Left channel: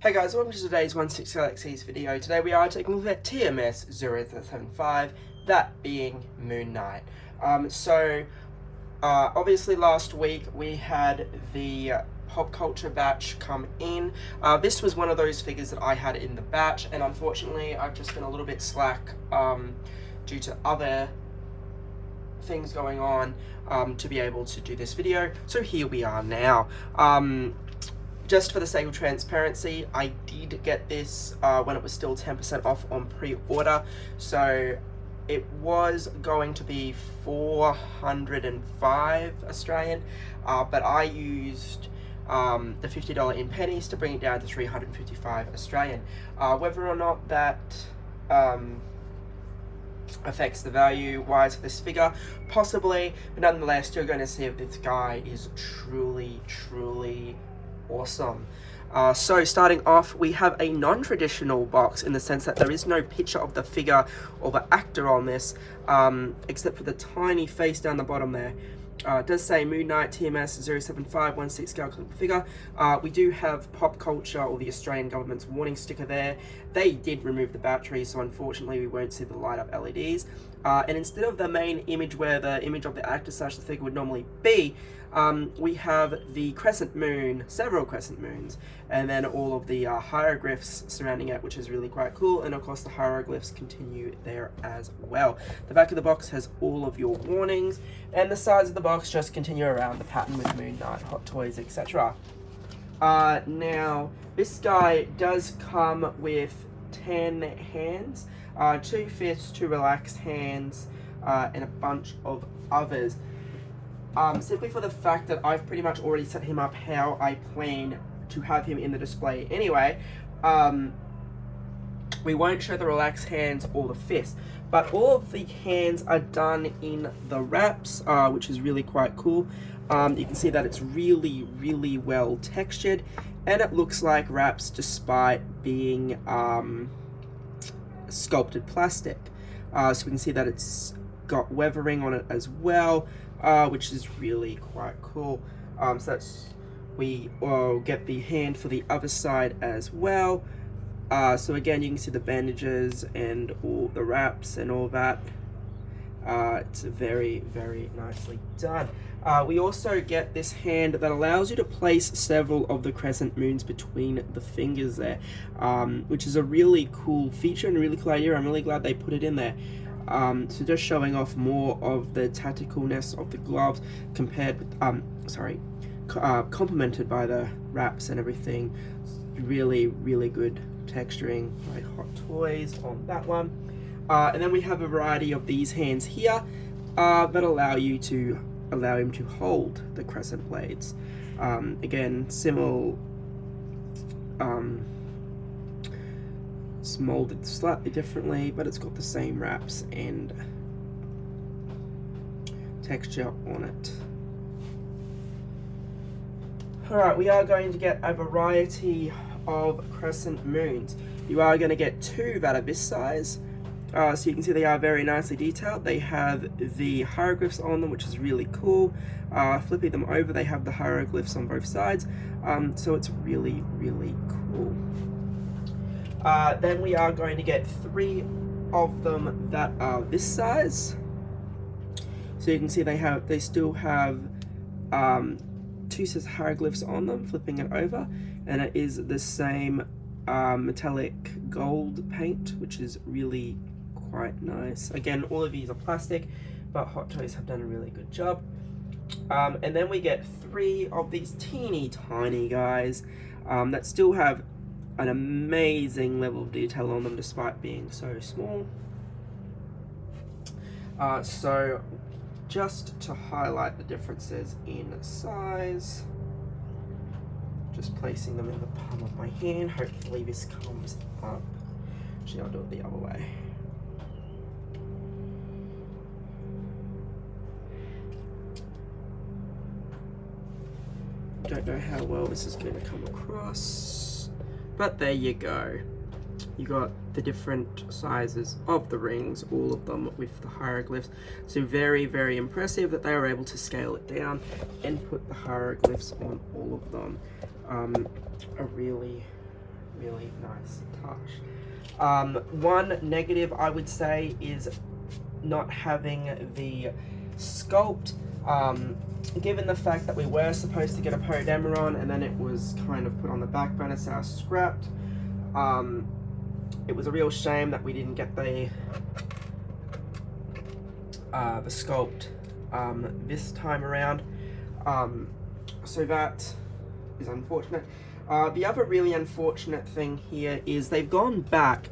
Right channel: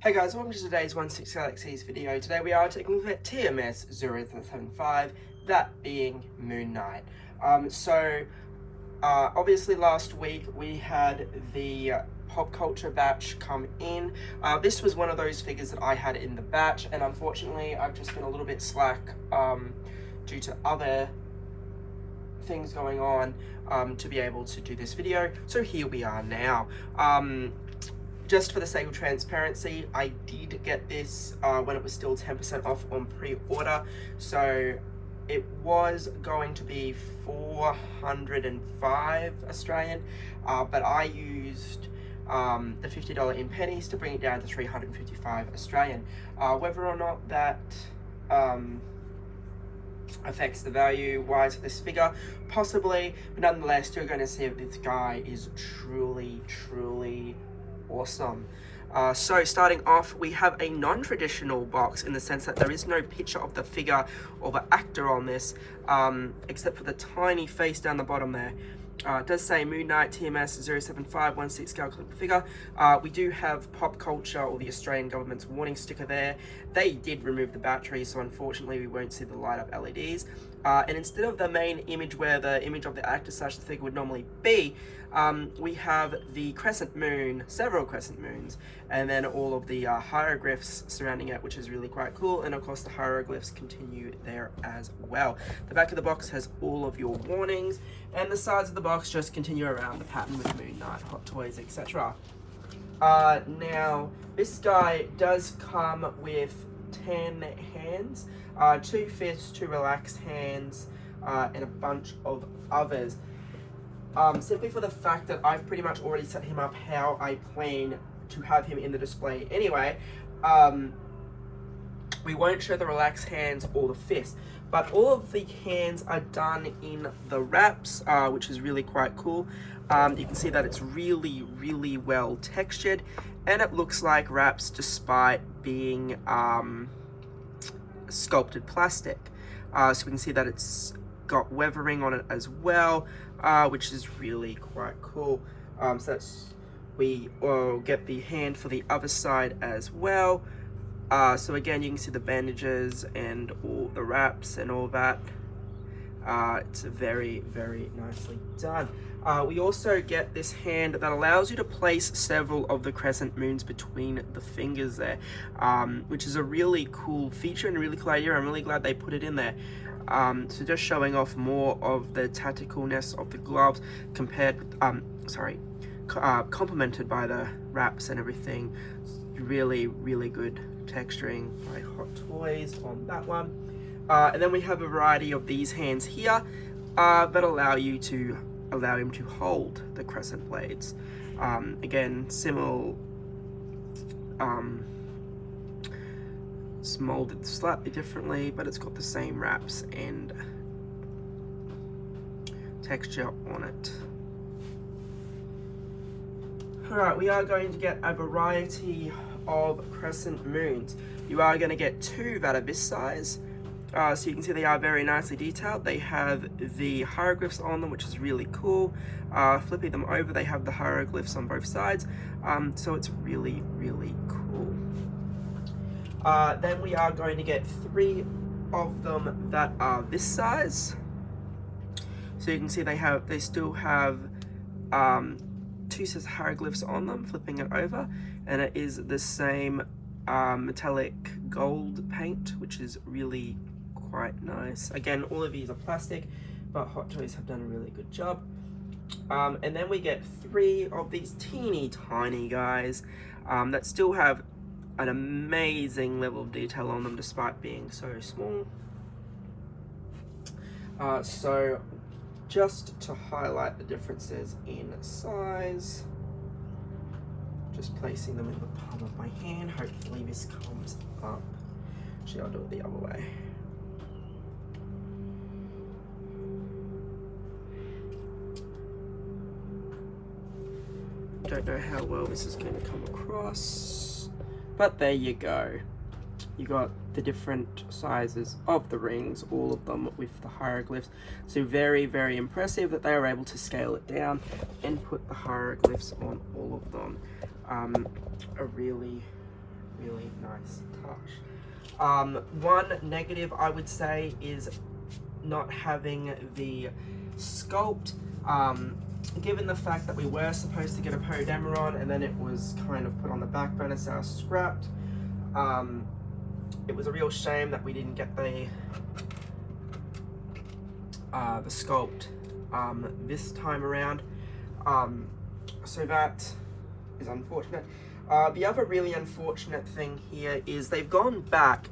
Hey guys, welcome to today's 16 Galaxies video. Today we are taking a look at TMS 075, that being MoonKnight. Obviously last week we had the pop culture batch come in. This was one of those figures that I had in the batch, and unfortunately I've just been a little bit slack due to other things going on to be able to do this video. So here we are now. Just for the sake of transparency, I did get this when it was still 10% off on pre-order. So it was going to be 405 Australian, but I used the $50 in pennies to bring it down to 355 Australian. Whether or not that affects the value wise of this figure, possibly, but nonetheless, you're going to see if this guy is truly awesome. So starting off, we have a non-traditional box in the sense that there is no picture of the figure or the actor on this, except for the tiny face down the bottom there. It does say MoonKnight TMS 07516 scale clip figure. We do have pop culture, or the Australian government's warning sticker there. They did remove the battery, so unfortunately we won't see the light up LEDs. And instead of the main image where the image of the actor / the figure would normally be, we have the crescent moon, several crescent moons, and then all of the hieroglyphs surrounding it, which is really quite cool. And of course the hieroglyphs continue there as well. The back of the box has all of your warnings, and the sides of the box just continue around the pattern with MoonKnight, Hot Toys, etc. Now, this guy does come with 10 hands, 2 fists, 2 relaxed hands, and a bunch of others. Simply for the fact that I've pretty much already set him up how I plan to have him in the display anyway, we won't show the relaxed hands or the fists, but all of the hands are done in the wraps, which is really quite cool. You can see that it's really well textured, and it looks like wraps despite being sculpted plastic. So we can see that it's got weathering on it as well, which is really quite cool. So we get the hand for the other side as well. So again, you can see the bandages and all the wraps and all that. It's very nicely done. We also get this hand that allows you to place several of the crescent moons between the fingers there, which is a really cool feature and a really cool idea. I'm really glad they put it in there. So just showing off more of the tacticalness of the gloves compared with, complemented by the wraps and everything. Really good texturing by Hot Toys on that one. And then we have a variety of these hands here that allow him to hold the crescent blades. Again, similar. It's molded slightly differently, but it's got the same wraps and texture on it. Alright, we are going to get a variety of crescent moons. You are going to get 2 that are this size. So you can see they are very nicely detailed. They have the hieroglyphs on them, which is really cool. Flipping them over, they have the hieroglyphs on both sides. So it's really cool. Then we are going to get 3 of them that are this size. So you can see they still have 2 sets of hieroglyphs on them, flipping it over, and it is the same metallic gold paint, which is really quite nice. Again, all of these are plastic, but Hot Toys have done a really good job. And then we get 3 of these teeny tiny guys that still have an amazing level of detail on them despite being so small. So just to highlight the differences in size, just placing them in the palm of my hand. Hopefully this comes up. Actually, I'll do it the other way. Don't know how well this is going to come across, but there you go. You got the different sizes of the rings, all of them with the hieroglyphs. So very impressive that they were able to scale it down and put the hieroglyphs on all of them. A really really nice touch. One negative I would say is not having the sculpt. Given the fact that we were supposed to get a Podemeron and then it was kind of put on the back burner, so scrapped. It was a real shame that we didn't get the sculpt this time around. So that is unfortunate. The other really unfortunate thing here is they've gone back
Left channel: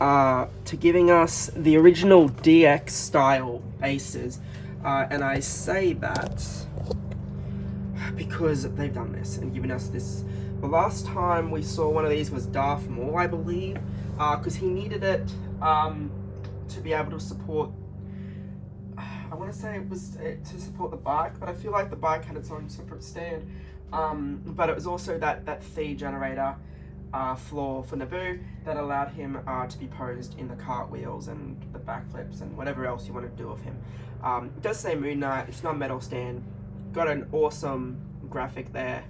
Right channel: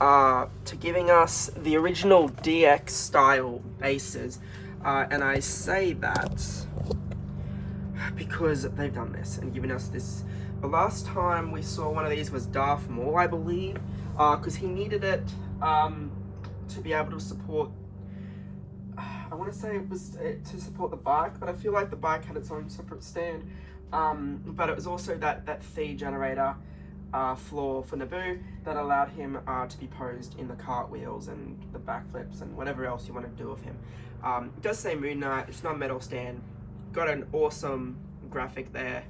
to giving us the original DX style bases. And I say that because they've done this and given us this. The last time we saw one of these was Darth Maul, I believe, because he needed it to be able to support, I want to say it was to support the bike, but I feel like the bike had its own separate stand. But it was also that Thea generator floor for Naboo that allowed him to be posed in the cartwheels and the backflips and whatever else you want to do with him. It does say MoonKnight, it's not a metal stand. Got an awesome graphic there,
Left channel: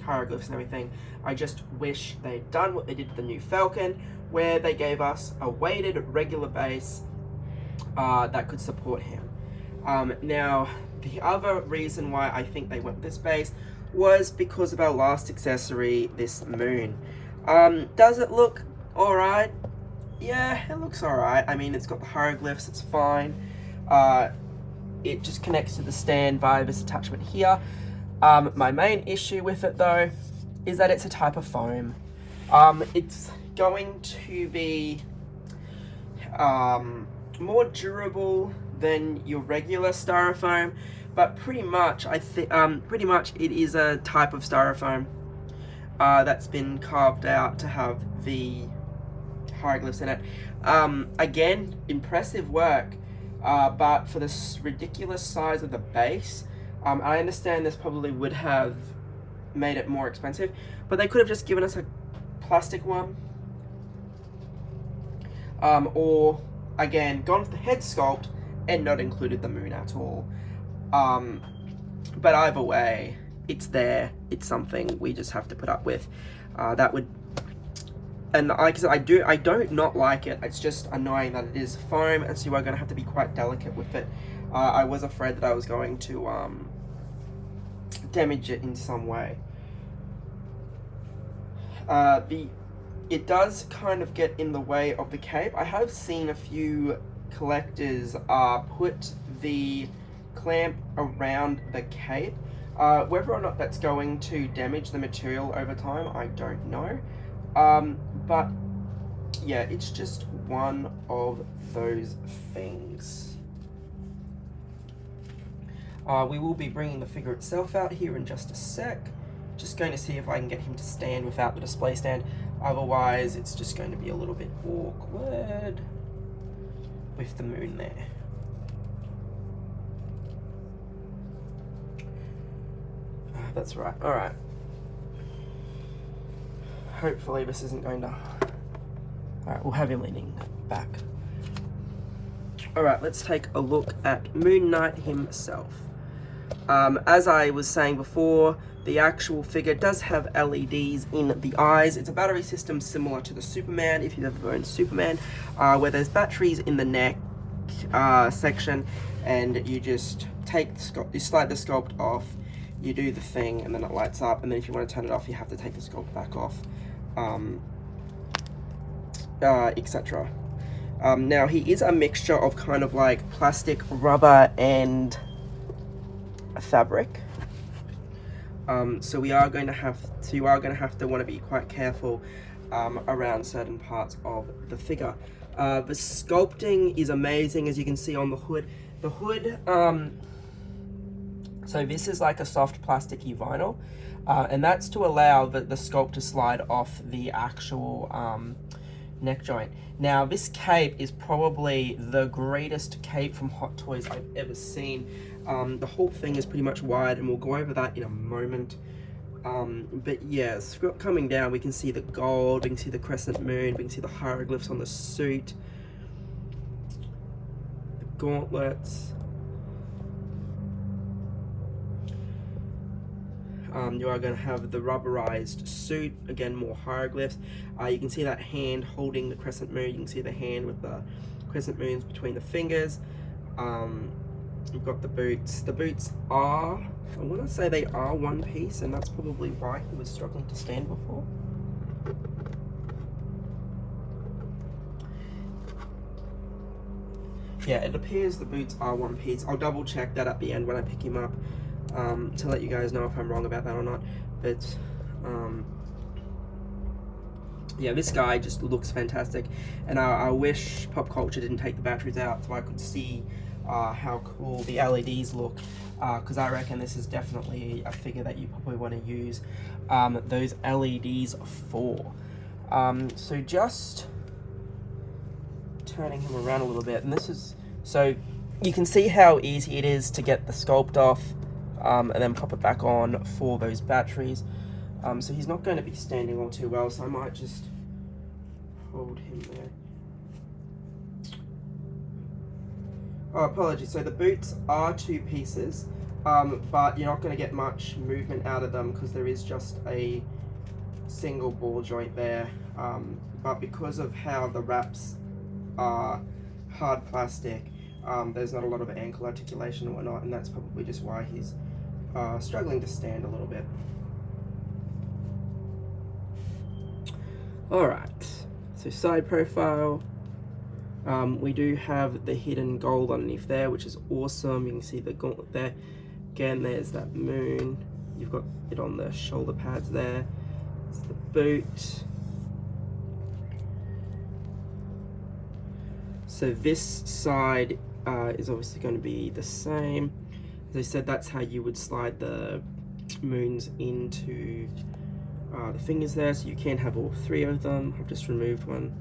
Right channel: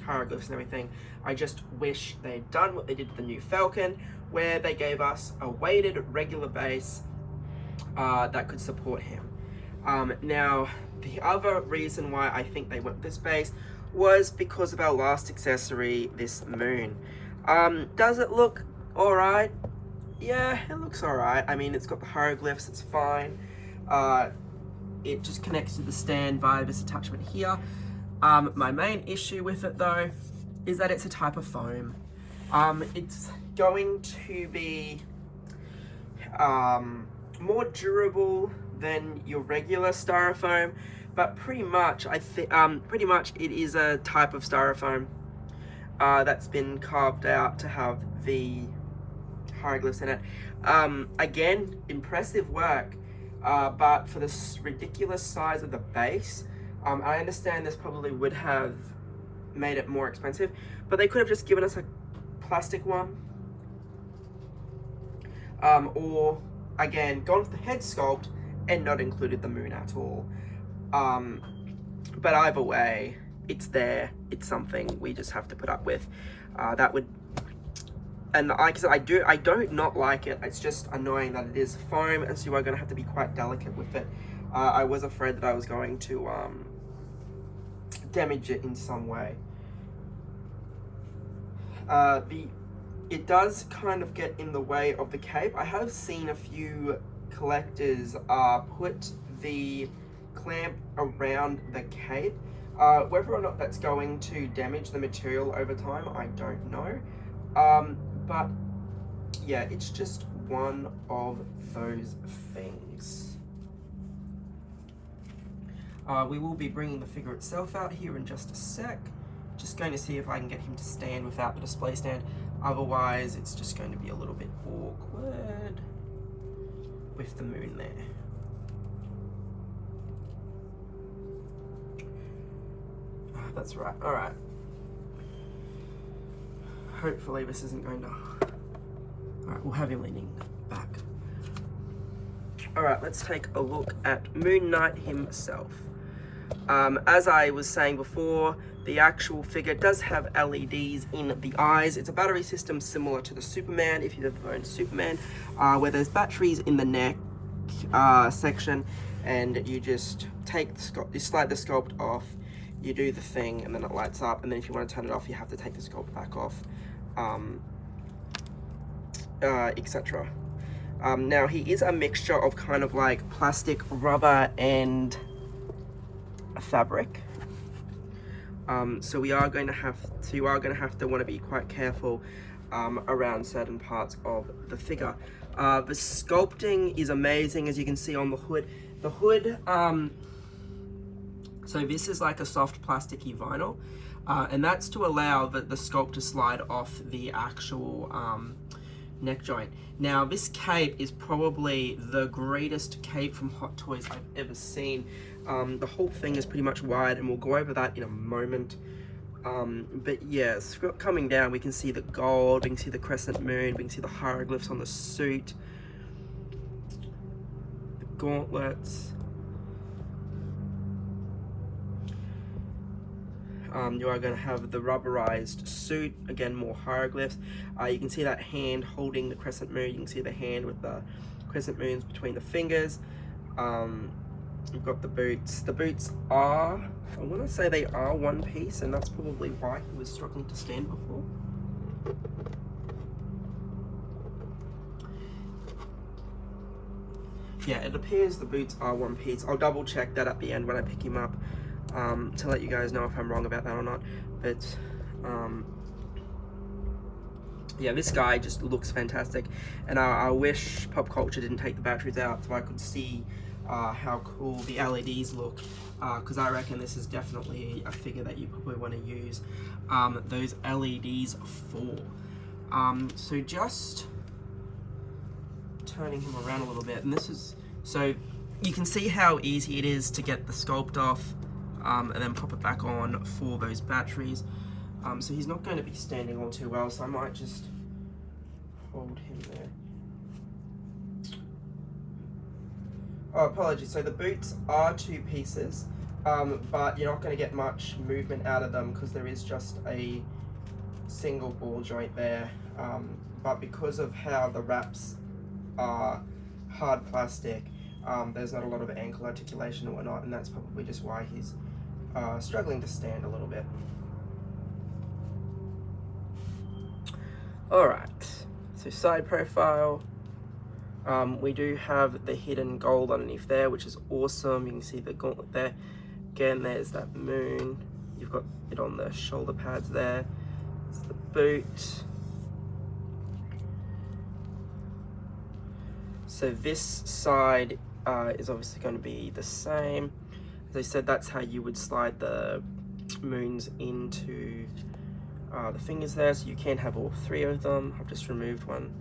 hieroglyphs and everything. I just wish they'd done what they did with the new Falcon, where they gave us a weighted regular base that could support him. Now, the other reason why I think they went with this base was because of our last accessory, this moon. Does it look alright? Yeah, it looks alright. I mean, it's got the hieroglyphs, it's fine. It just connects to the stand via this attachment here. My main issue with it though is that it's a type of foam. It's going to be more durable than your regular styrofoam, but pretty much it is a type of styrofoam that's been carved out to have the hieroglyphs in it. Again, impressive work, but for this ridiculous size of the base, I understand this probably would have made it more expensive, but they could have just given us a plastic one, or again gone with the head sculpt and not included the moon at all. But either way, it's there, it's something we just have to put up with. That would, and like I said, I don't not like it, it's just annoying that it is foam, and so you are going to have to be quite delicate with it. I was afraid that I was going to damage it in some way. It does kind of get in the way of the cape. I have seen a few collectors put the clamp around the cape. Whether or not that's going to damage the material over time, I don't know. But yeah, it's just one of those things. We will be bringing the figure itself out here in just a sec. Just going to see if I can get him to stand without the display stand. Otherwise, it's just going to be a little bit awkward with the moon there. That's right. All right. Hopefully this isn't going to... All right, we'll have him leaning back. All right, let's take a look at MoonKnight himself. As I was saying before, the actual figure does have LEDs in the eyes. It's a battery system similar to the Superman, if you've ever owned Superman, where there's batteries in the neck section, and you just take the sculpt, you slide the sculpt off, you do the thing, and then it lights up, and then if you want to turn it off, you have to take the sculpt back off, etc. Now, he is a mixture of kind of like plastic, rubber, and fabric. So you are going to have to want to be quite careful around certain parts of the figure. The sculpting is amazing, as you can see on the hood. The hood, so this is like a soft plasticky vinyl, and that's to allow the sculpt to slide off the actual neck joint. Now, this cape is probably the greatest cape from Hot Toys I've ever seen. The whole thing is pretty much wide, and we'll go over that in a moment. But yeah, coming down, we can see the gold, we can see the crescent moon, we can see the hieroglyphs on the suit, the gauntlets. You are going to have the rubberized suit, again more hieroglyphs. You can see that hand holding the crescent moon. You can see the hand with the crescent moons between the fingers. You've got the boots. The boots are, I want to say they are one piece, and that's probably why he was struggling to stand before. Yeah, it appears the boots are one piece. I'll double check that at the end when I pick him up, to let you guys know if I'm wrong about that or not. But yeah, this guy just looks fantastic, and I wish Pop Culture didn't take the batteries out so I could see how cool the LEDs look, because I reckon this is definitely a figure that you probably want to use those LEDs for. So just turning him around a little bit, and this is, so you can see how easy it is to get the sculpt off and then pop it back on for those batteries. So he's not going to be standing all too well, so I might just hold him there. Oh, apologies. So the boots are two pieces, but you're not going to get much movement out of them because there is just a single ball joint there. But because of how the wraps are hard plastic, there's not a lot of ankle articulation or whatnot, and that's probably just why he's struggling to stand a little bit. Alright, so side profile. We do have the hidden gold underneath there, which is awesome. You can see the gauntlet there. Again, there's that moon. You've got it on the shoulder pads there. It's the boot. So this side is obviously going to be the same. As I said, that's how you would slide the moons into the fingers there, so you can have all three of them. I've just removed one.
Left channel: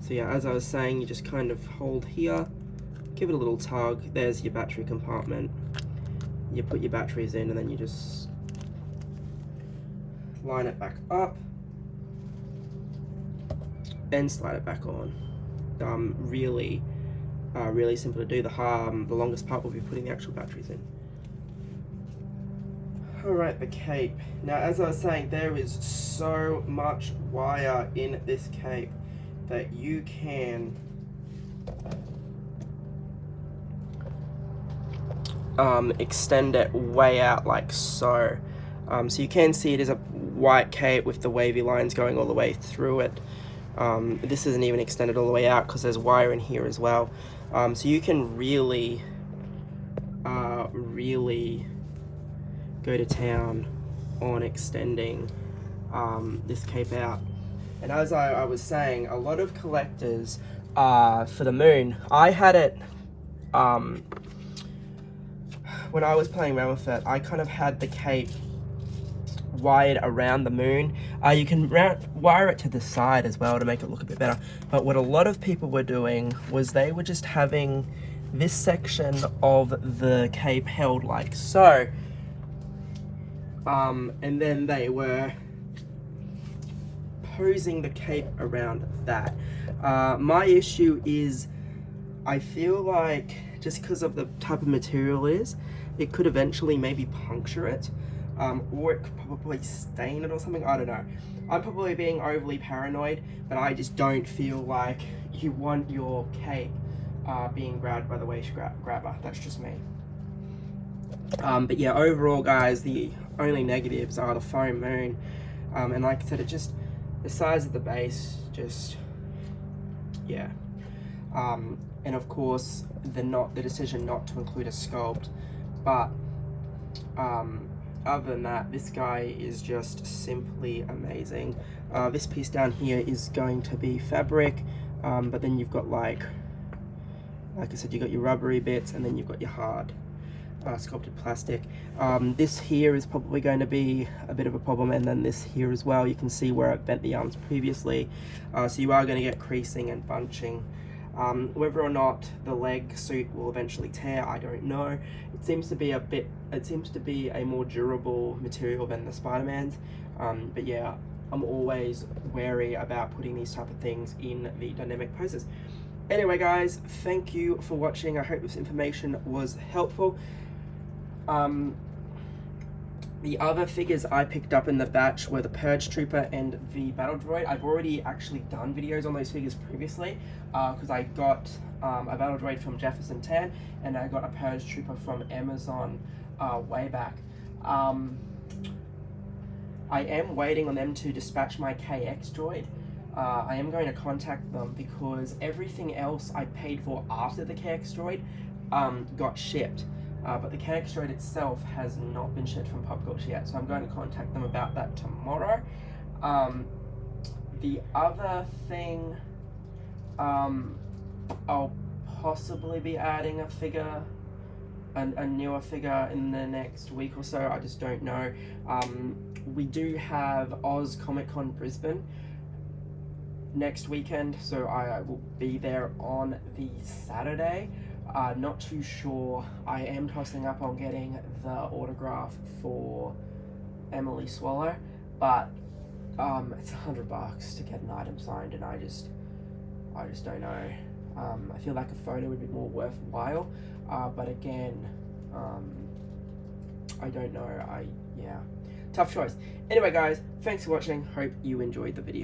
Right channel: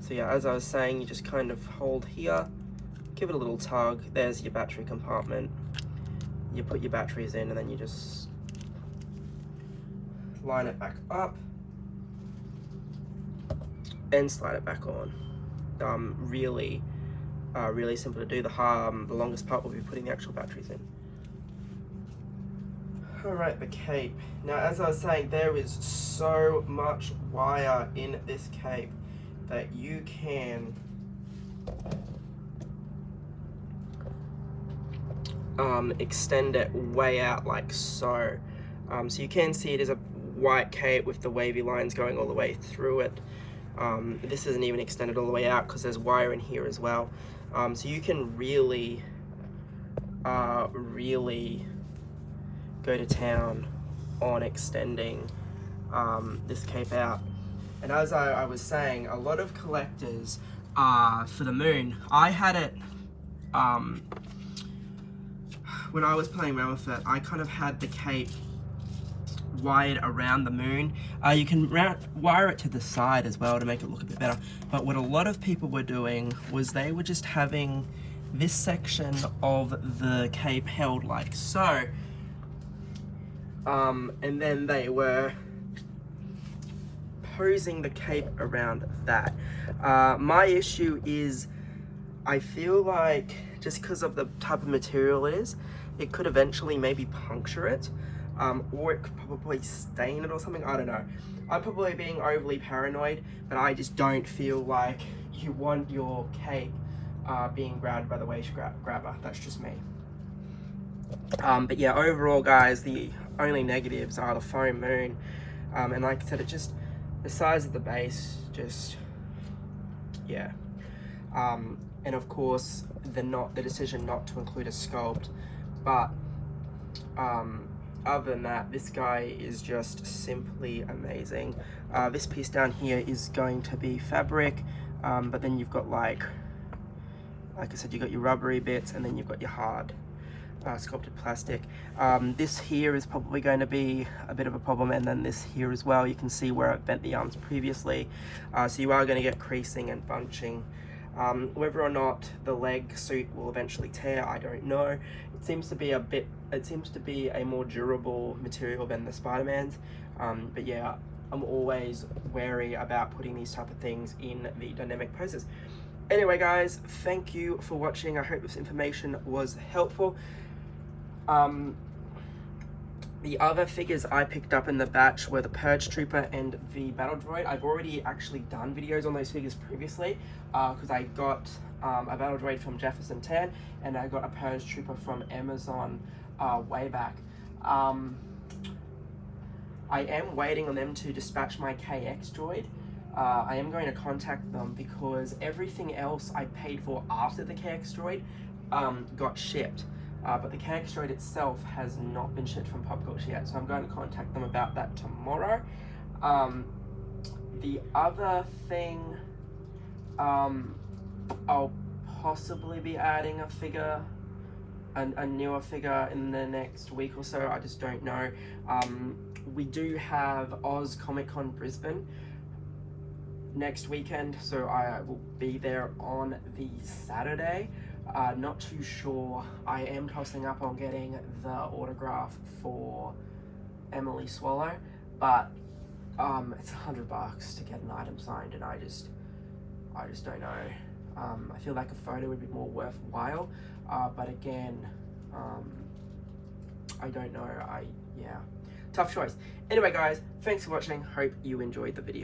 So yeah, as I was saying, you just kind of hold here, give it a little tug. There's your battery compartment. You put your batteries in, and then you just line it back up and slide it back on. Really simple to do. The longest part will be putting the actual batteries in. Alright, the cape. Now, as I was saying, there is so much wire in this cape that you can extend it way out like so. So you can see it is a white cape with the wavy lines going all the way through it. This isn't even extended all the way out because there's wire in here as well. So you can really go to town on extending this cape out. And as I was saying, a lot of collectors for the moon, I had it when I was playing around with it, I kind of had the cape wired around the moon. You can wire it to the side as well to make it look a bit better, but what a lot of people were doing was they were just having this section of the cape held like so, and then they were posing the cape around that. My issue is I feel like just because of the type of material it is, it could eventually maybe puncture it, or it could probably stain it or something. I don't know. I'm probably being overly paranoid, but I just don't feel like you want your cape being grabbed by the waist grabber. That's just me. But yeah, overall guys, the only negatives are the foam moon, and like I said, it just, the size of the base, just, yeah. And of course, the decision not to include a sculpt, but other than that, this guy is just simply amazing. This piece down here is going to be fabric, but then you've got like I said, you've got your rubbery bits, and then you've got your hard sculpted plastic. This here is probably going to be a bit of a problem, and then this here as well. You can see where I've bent the arms previously, so you are going to get creasing and bunching. Whether or not the leg suit will eventually tear, I don't know. It seems to be a more durable material than the Spider-Man's, but yeah, I'm always wary about putting these type of things in the dynamic poses. Anyway guys, thank you for watching. I hope this information was helpful. The other figures I picked up in the batch were the Purge Trooper and the Battle Droid. I've already actually done videos on those figures previously, because I got a Battle Droid from Jefferson 10 and I got a Purge Trooper from Amazon way back. I am waiting on them to dispatch my KX droid. I am going to contact them because everything else I paid for after the KX droid got shipped. But the KX droid itself has not been shipped from Pop Culture yet, so I'm going to contact them about that tomorrow. The other thing, I'll possibly be adding a figure, a newer figure in the next week or so. I just don't know. We do have Oz Comic Con Brisbane next weekend, so I will be there on the Saturday. Not too sure. I am tossing up on getting the autograph for Emily Swallow, but it's $100 to get an item signed, and I just don't know. I feel like a photo would be more worthwhile, but again, I don't know. Yeah, tough choice. Anyway, guys, thanks for watching. Hope you enjoyed the video.